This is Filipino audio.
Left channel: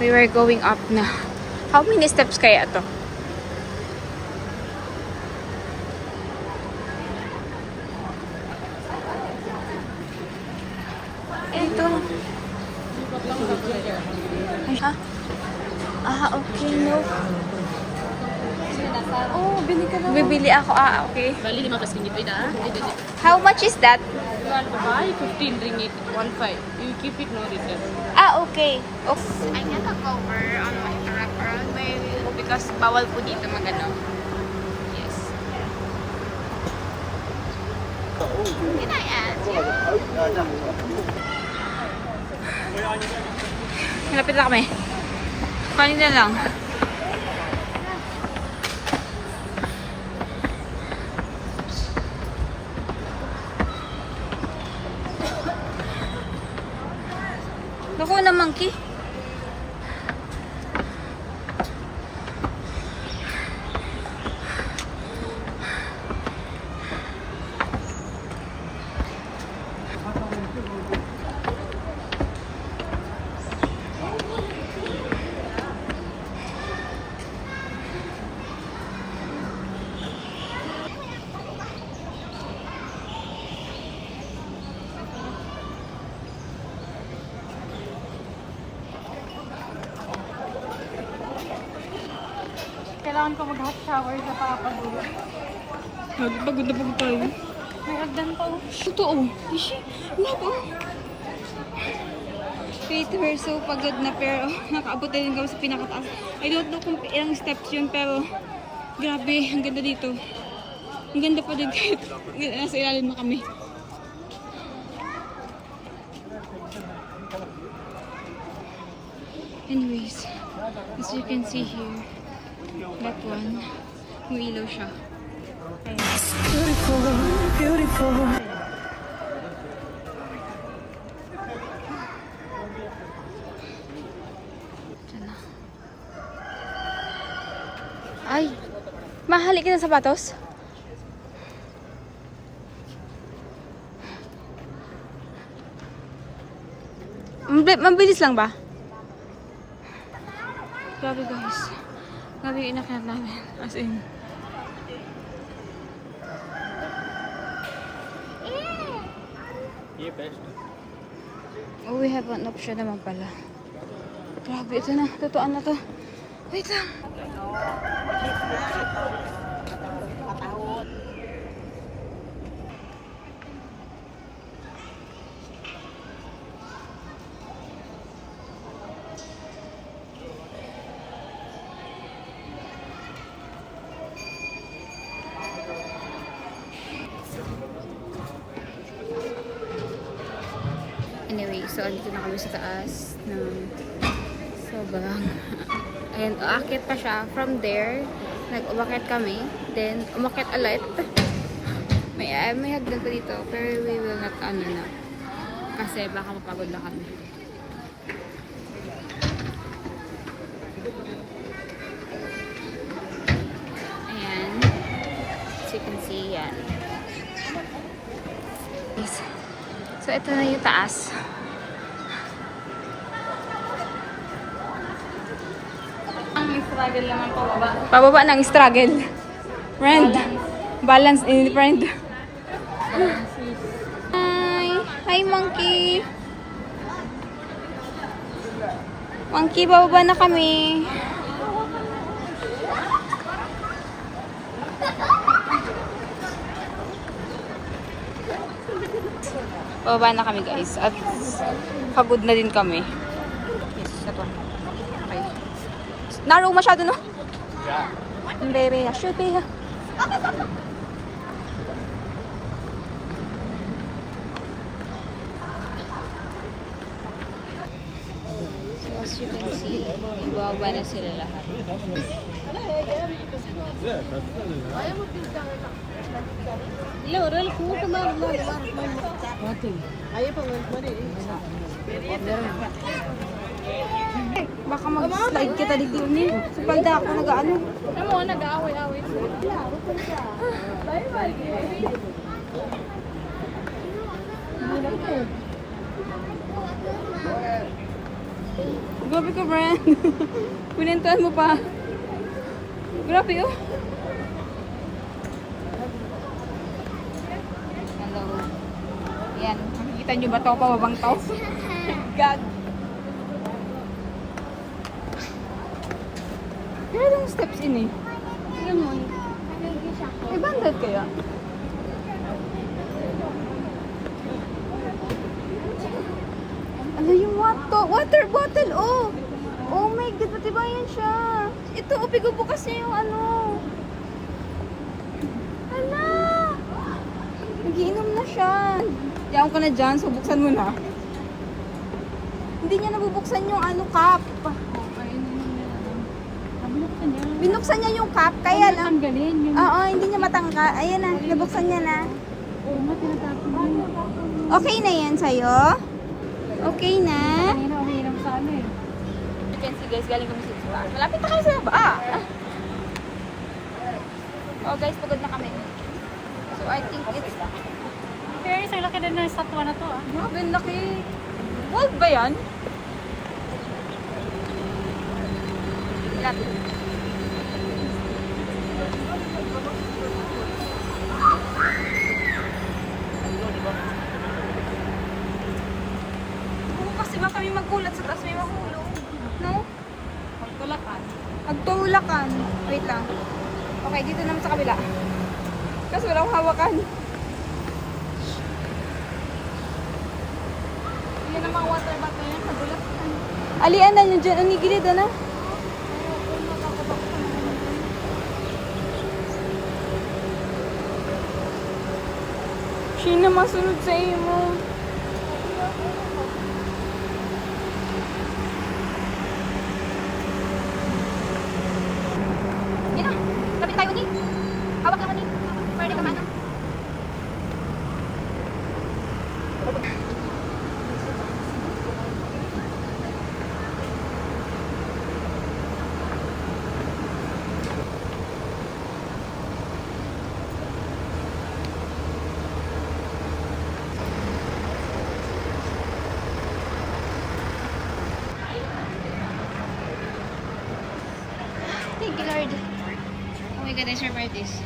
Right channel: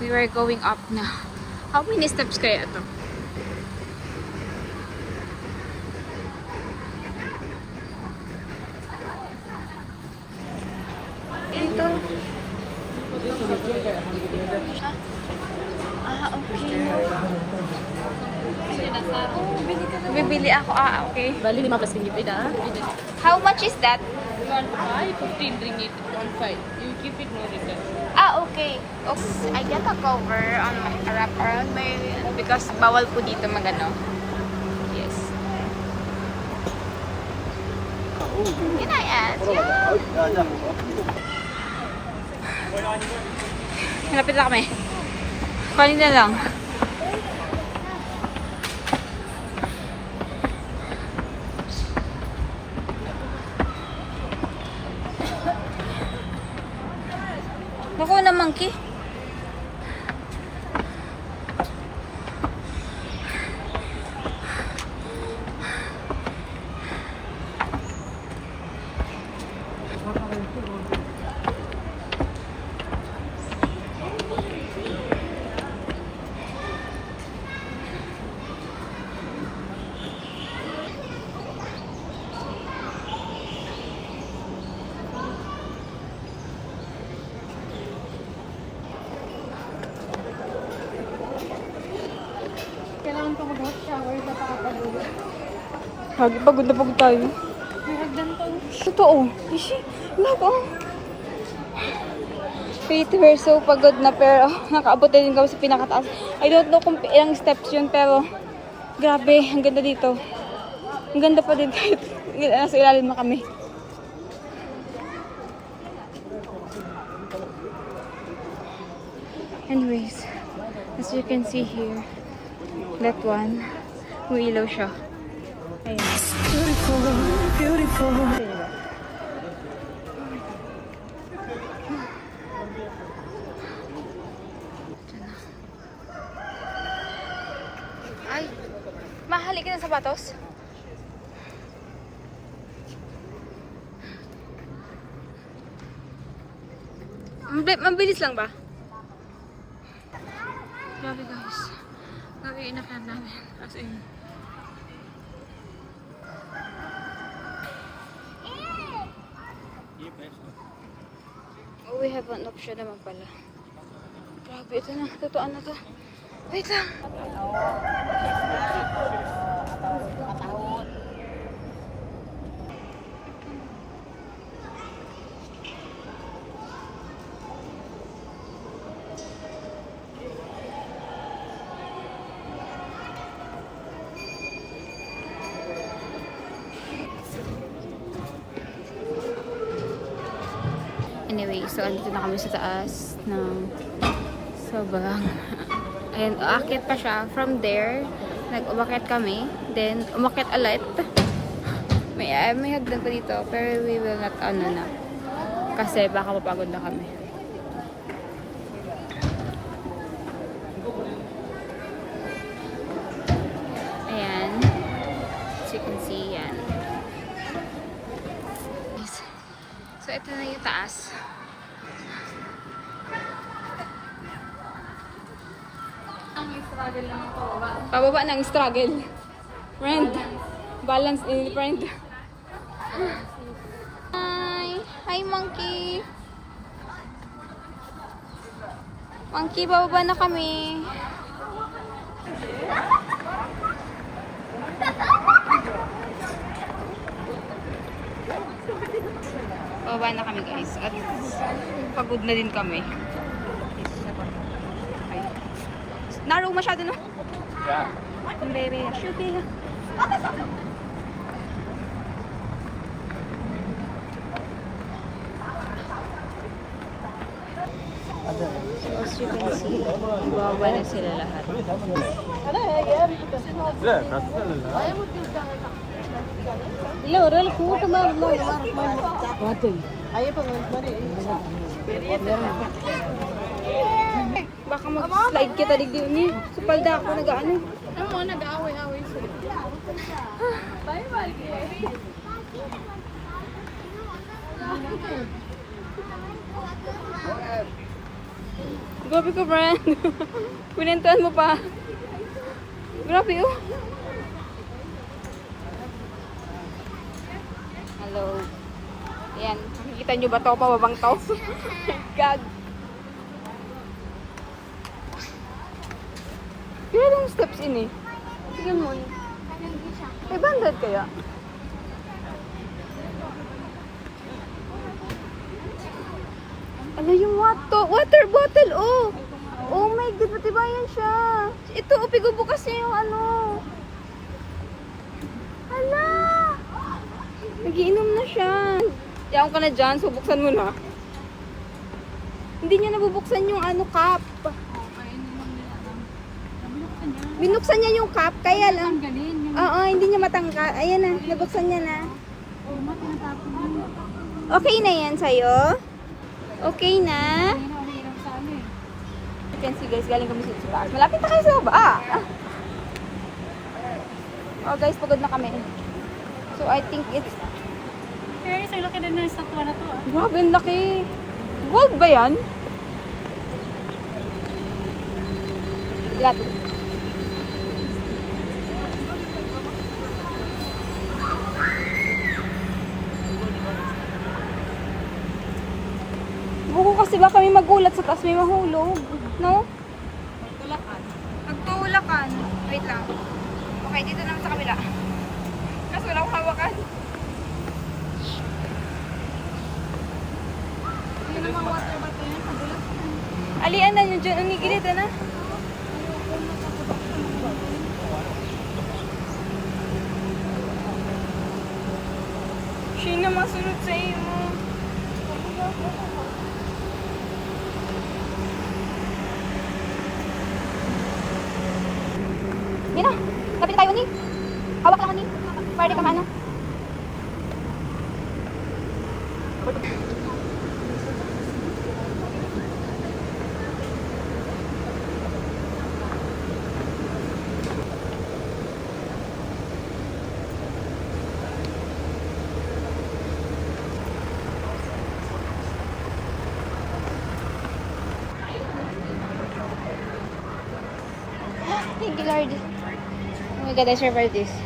We were going up na. How many steps kaya to? Ito. Okay, no. Oh, bili ka na. Bibili ako. Okay. Bali, 5 plus kunyit. Bibili. How much is that? You want to buy 15 ringgit, 1.5. You keep it, no return. Okay. I get a cover on my wrap around my because bawal po dito magano. Yes. Can I ask? Malapit na kami. Kanina lang. Bako na monkey. Kailangan ko mag-hot shower sa pagkapagulo. Pagod na pagod tayo. Nagdan to. Totoo. Nako. Wait, we're so pagod na pero nakaabot na din kami sa pinakataas. I don't know kung ilang steps yun pero grabe, ang ganda dito. Ang ganda pa din kahit nasa ilalim na kami. Anyways, as you can see here, that one, umiilaw siya. Ayan. Beautiful, beautiful. Ay, mahali ka ng sapatos? Mabilis lang ba? Grabe guys. Grabe inakanap namin. As in. Oh, we have an option naman pala. Grabe, ito na. Totoo na to. Wait lang. Anyway, so andito na kami sa taas ng sobrang ayan, umakyat pa siya. From there, nag-umakyat kami. Then, umakyat ulit. May hagdan pa dito. Pero we will not na. Kasi baka mapagod na kami. Ayan. As you can see, yan. So, ito na yung taas. Struggle lang ang pababa. Pababa ng struggle. Friend. Balance in friend. Hi. Hi, monkey. Monkey, bababa na kami. Bababa na kami guys. At pagod na din kami. Yes, ito. Okay. Narrow masyado, no? Yeah. Baby, should be. As you can see, ibaba na sila lahat. Baka mag-slide kita dito niya. Pag na ako nag-ano. Oo, nag-aaway-aaway. Bye-bye. Grabe ka, Brand. Pinentuhan mo pa. Grabe, oh. Hello. Ayan. Makikita nyo ba ito? Pababang to? God. Kaya anong steps in eh? Eh, bandad kaya? Ala, yung water bottle, oh! Oh my God, matibayan siya. Ito, oh, bukas niya yung ano. Ala! Nagiinom na siya. Yaon ka na dyan, so buksan mo na. Hindi niya nabubuksan yung ano, cup. Binuksan niya yung cup, kaya lang. Oo, hindi niya matanggal. Ayan na, nabuksan niya na. Okay na yan sa'yo? Okay na? You can see guys, galing kami sa taas. Malapit na kayo sa baba. Oh guys, pagod na kami. So I think it's... Pero isang laki din ng statwa na to ah. Grabe, ang laki. Gold ba yan? Ilat. Buko kasi ba kami magulat sa taas may mahulog? No? Magtulakan. Magtulakan. Wait lang. Okay, dito naman sa kabila. Kasi wala akong hawakan. Yan ang mga water bottle niya. Magulat. Alian na nyo dyan. Ang gilid na. Sino masunod sa imo? Yan na. Kapit tayo ni. Hawak lang ni. Para di ka maano. Thank you, Lord. Oh my God, I survived this.